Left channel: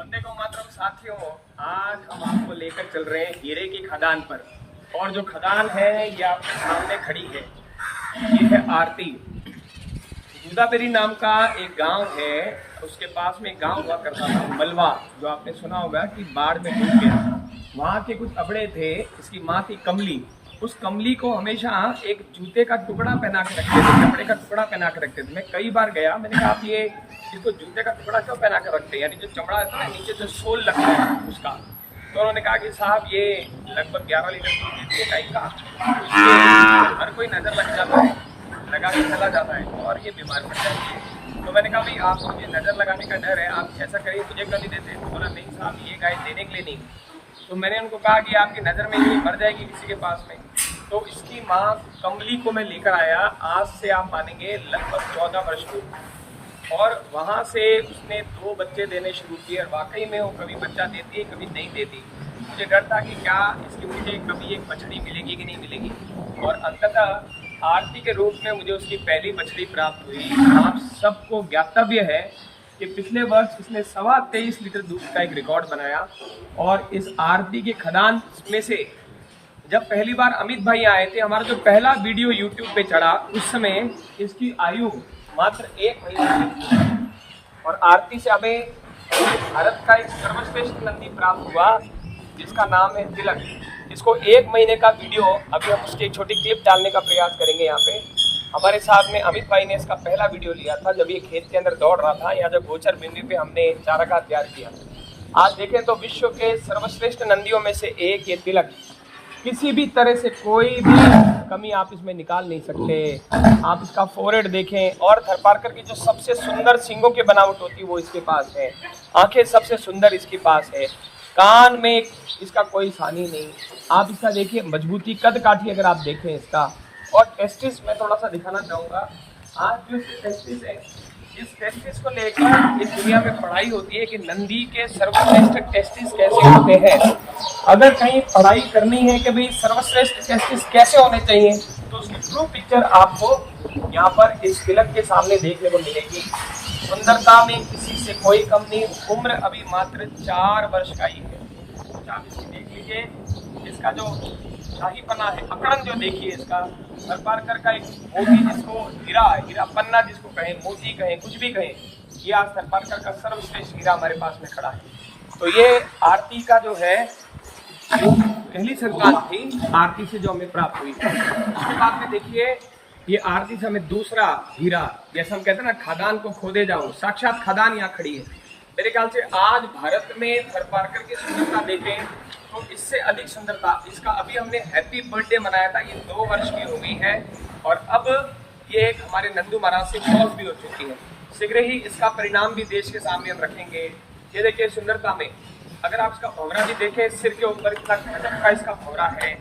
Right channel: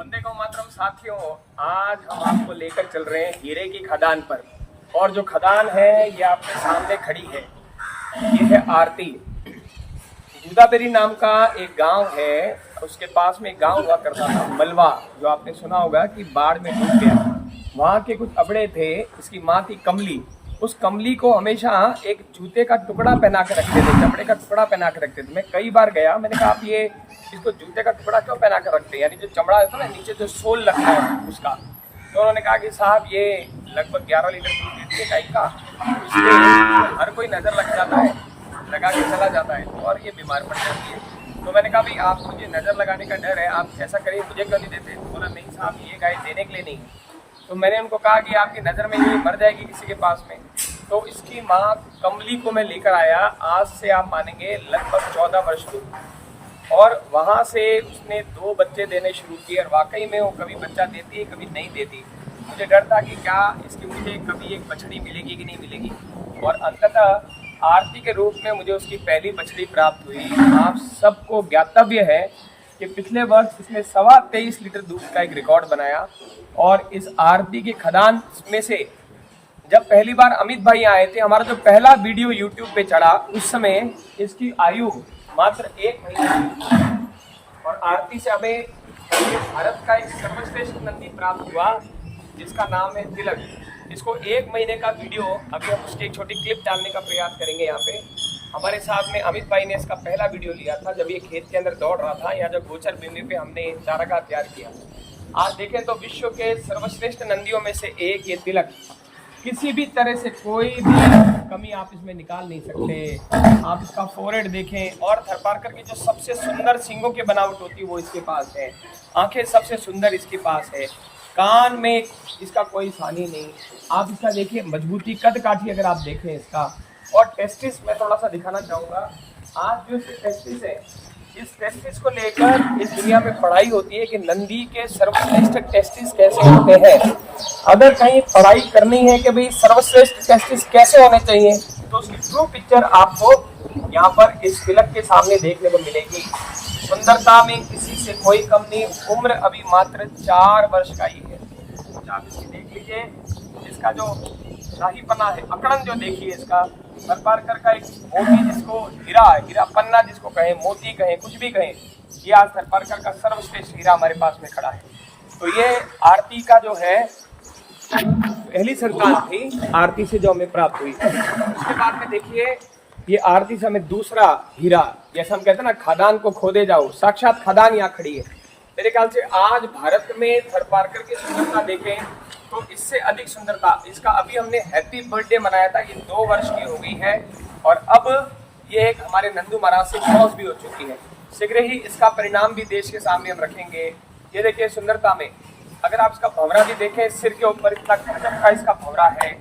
वंदे को मातरम साथियों, आज हम आपको लेकर चल रहे हैं हीरे की खदान पर। और जो खदान है ये आपके सामने खड़ी है, ये है आरती। दूधाबेरी नाम का एक गांव है, उसके पास में एक गांव हुआ करता था मलवा, जो आपने सुना होगा कि बाढ़ में डूब गया। वहाँ के कुछ अबड़े थे, इसकी माँ थी कमली। उस कमली को हमेशा एक जूते का टुकड़ा पहना के रखते थे, कपड़े का टुकड़ा पहना के रखते थे। मैं कई बार गया, मैंने कहा आप ये इसको जूते का टुकड़ा क्यों पहना के रखते हैं, यानी जो चमड़ा है ना नीचे जो सोल लगता है उसका। तो उन्होंने कहा कि साहब ये लगभग 11 लीटर दूध टाइप का, इसलिए हर कोई नज़र लग जाता है, लगा के चला जाता है और ये बीमार पड़ जाती है। तो मैंने कहा भाई आपको ये नज़र लगाने का डर है, आप ऐसा करिए मुझे क्यों नहीं देती। बोला नहीं साहब ये गाय देने के लिए नहीं। तो मैंने उनको कहा कि आपकी नज़र में ये मर जाएगी किसी के पास में। तो इसकी माँ कमली को मैं लेकर आया, आज से आप मानेंगे लगभग 14 वर्ष की। और वहाँ से उसने 2 बच्चे देने शुरू किए और वाकई में वो कभी बच्चा देती है कभी नहीं देती। मुझे डर था कि क्या इसकी मुझे कभी एक बछड़ी मिलेगी कि नहीं मिलेगी, और अंततः आरती के रूप में मुझे उसकी पहली बछड़ी प्राप्त हुई। आप सबको ज्ञातव्य है कि पिछले वर्ष इसने 23.25 लीटर दूध का एक रिकॉर्ड बनाया। और इस आरती की खदान में से जब पहली बार अमित भाई आए थे, हमारा जो पहला वीडियो यूट्यूब पे चढ़ा, उस समय इसकी आयु मात्र 1 महीना थी। और आरती से हमें भारत का एक सर्वश्रेष्ठ नंदी प्राप्त हुआ जिसका नाम है तिलक। इसको 1 महीने का वीडियो, अभी हम उसकी एक छोटी क्लिप डालने का प्रयास करेंगे। यहाँ पे हमारे साथ में अमित भाई ने इसका पहला वीडियो लिया था जब ये खेत के अंदर दौड़ रहा था, या जब गोचर बिंदु पे हमने चारागाह तैयार किया। आज देखें तो विश्व के सर्वश्रेष्ठ नंदियों में से एक ये तिलक। किसी भी तरह से कोई भी कमी आप इसमें निकाल नहीं सकते। आप इसका फोरहेड देखें, और थरपारकर की जो सबसे सुंदर सींगों की बनावट होती है वो इसके पास है। आंखें सबसे सुंदर इसके पास है, कान में इसका कोई सानी नहीं। आप इसका देखिए मजबूती, कद काठी अगर आप देखें इसका। और टेस्टिस मैं थोड़ा सा दिखाना चाहूँगा। आज जो इसके टेस्टिस है, इस टेस्टिस को लेकर इस दुनिया में पढ़ाई होती है कि नंदी के सर्वश्रेष्ठ टेस्टिस कैसे होते हैं। अगर कहीं पढ़ाई करनी है कि भाई सर्वश्रेष्ठ टेस्टिस कैसे होने चाहिए, तो उसकी ट्रू पिक्चर आपको यहाँ पर इस तिलक के सामने देखने को मिलेगी। सुंदरता में किसी से कोई कम नहीं, उम्र अभी मात्र 4 वर्ष का ही है। आप इसकी देख लीजिए, इसका जो शाहीपना है, अकड़न जो देखिए इसका। थरपारकर का एक मोती जिसको हीरा पन्ना जिसको कहें, मोती कहें, कुछ भी कहें, ये आज थरपारकर का सर्वश्रेष्ठ हीरा हमारे पास में खड़ा है। तो ये आरती का जो है पहली संतान थी, आरती से जो हमें प्राप्त हुई। उसके बाद में देखिए ये आरती से हमें दूसरा हीरा, जैसे हम कहते हैं ना खदान को खोदे जाओ, साक्षात खदान यहाँ खड़ी है। मेरे ख्याल से आज भारत में थरपारकर की सुंदरता देखें तो इससे अधिक सुंदरता इसका। अभी हमने हैप्पी बर्थडे मनाया था, ये 2 वर्ष की हो गई है, और अब ये हमारे नंदू महाराज से क्रॉस भी हो चुकी है। शीघ्र ही इसका परिणाम भी देश के सामने हम रखेंगे। ये देखिए सुंदरता में, अगर आप इसका भंवरा भी देखें, सिर के ऊपर इसका गजब का इसका भंवरा है,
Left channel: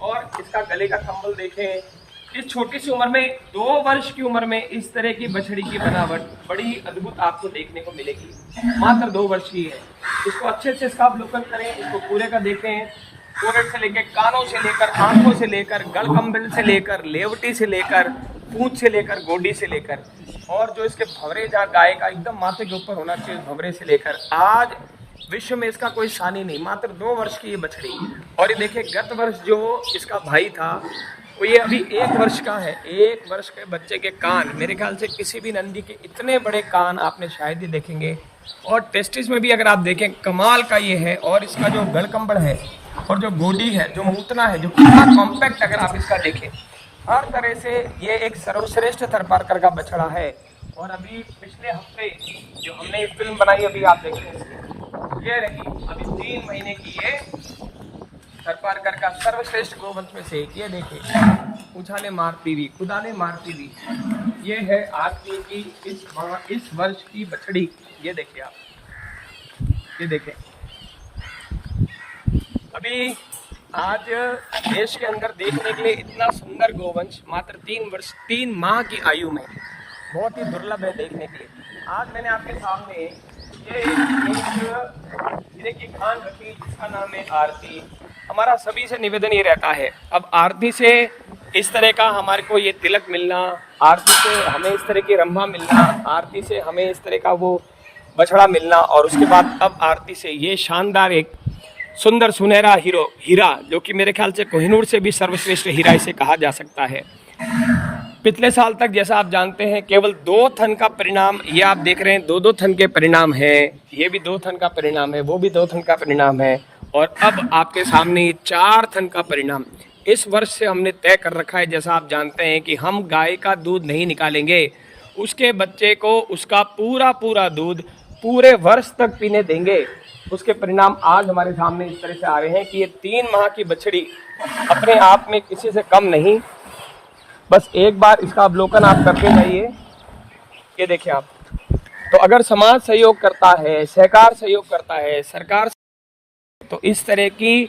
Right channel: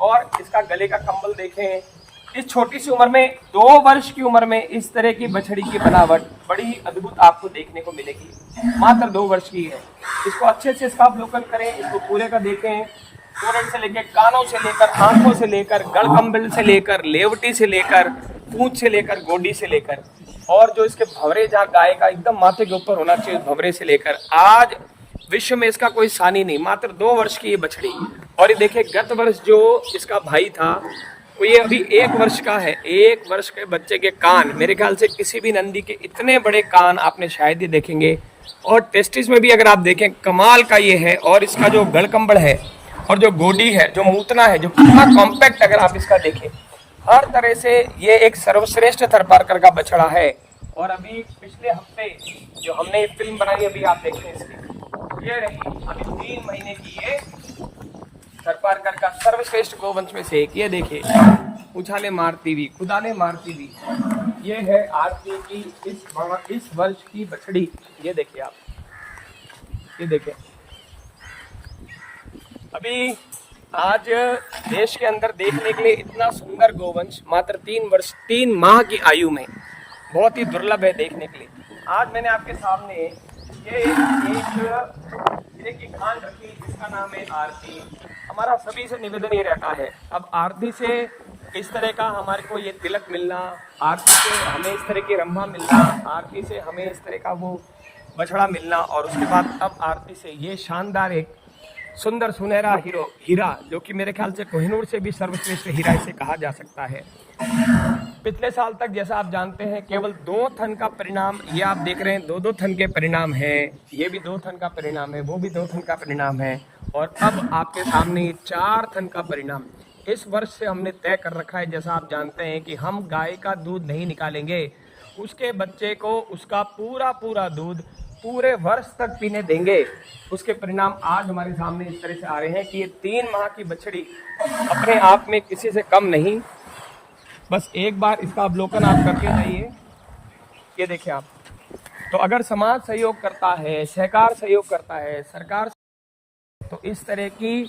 और इसका गले का कंबल देखें। इस छोटी सी उम्र में, 2 वर्ष की उम्र में इस तरह की बछड़ी की बनावट बड़ी ही अद्भुत आपको देखने को मिलेगी। मात्र 2 वर्ष की है। इसको अच्छे से इसका अवलोकन करें, इसको पूरे का देखें, फोरहेड से लेकर, कानों से लेकर, आंखों से लेकर, गलकंबल से लेकर, लेवटी से लेकर, पूंछ से लेकर, गोंडी से लेकर, और जो इसके भंवरे जहाँ गाय का एकदम माथे के ऊपर होना चाहिए, भंवरे से लेकर आज विश्व में इसका कोई सानी नहीं। मात्र 2 वर्ष की ये बछड़ी। और ये देखिए गत वर्ष जो इसका भाई था, तो ये अभी 1 वर्ष का है। 1 वर्ष के बच्चे के कान, मेरे ख्याल से किसी भी नंदी के इतने बड़े कान आपने शायद ही देखेंगे। और टेस्टिस में भी अगर आप देखें, कमाल का ये है। और इसका जो गलकंबल है, और जो गोडी है, जो मूतना है, जो पूरा कॉम्पैक्ट अगर आप इसका देखें, हर तरह से ये एक सर्वश्रेष्ठ थरपारकर का बछड़ा है। और अभी पिछले हफ्ते जो हमने फिल्म बनाई, अभी आप देखें इसकी, ये रही अभी 3 महीने की ये थरपारकर का सर्वश्रेष्ठ गोवंश में से एक। ये देखिए उछाले मारती हुई, कुदाने मारती हुई, ये है आरती की इस वर्ष की बछड़ी। ये देखिए आप, ये देखिए अभी आज देश के अंदर देखने के लिए इतना सुंदर गोवंश मात्र 3 माह की आयु में बहुत ही दुर्लभ है देखने के लिए। आज मैंने आपके सामने ये हीरे की खान रखी जिसका नाम है आरती। हमारा सभी से निवेदन ये रहता है, अब आरती से इस तरह का हमारे को ये तिलक मिलना, आरती से हमें इस तरह की रंभा मिलना, आरती से हमें इस तरह का वो बछड़ा मिलना और उसके बाद अब आरती से ये शानदार एक सुंदर सुनहरा हीरा, जो कि मेरे ख्याल से कोहिनूर से भी सर्वश्रेष्ठ हीरा इसे कहा जा सकता है। पिछले साल तक जैसा आप जानते हैं केवल 2 थन का परिणाम, ये आप देख रहे हैं 2-2 थन के परिणाम है, ये भी 2 थन का परिणाम है, वो भी 2 थन का परिणाम है, और अब आपके सामने 4 थन का परिणाम। इस वर्ष से हमने तय कर रखा है, जैसा आप जानते हैं, कि हम गाय का दूध नहीं निकालेंगे, उसके बच्चे को उसका पूरा दूध पूरे वर्ष तक पीने देंगे। उसके परिणाम आज हमारे सामने इस तरह से आ रहे हैं कि ये 3 माह की बछड़ी अपने आप में किसी से कम नहीं। बस एक बार इसका अवलोकन आप करते जाइए। ये देखिए आप, तो अगर समाज सहयोग करता है, सहकार सहयोग करता है, सरकार, तो इस तरह की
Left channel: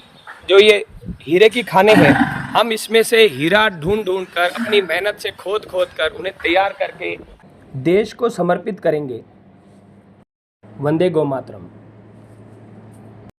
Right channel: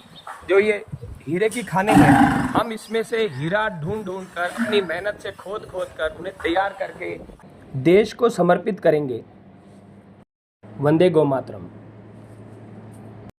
जो ये हीरे की खाने हैं, हम इसमें से हीरा ढूंढ कर अपनी मेहनत से खोद कर उन्हें तैयार करके देश को समर्पित करेंगे। वंदे गौ मातरम।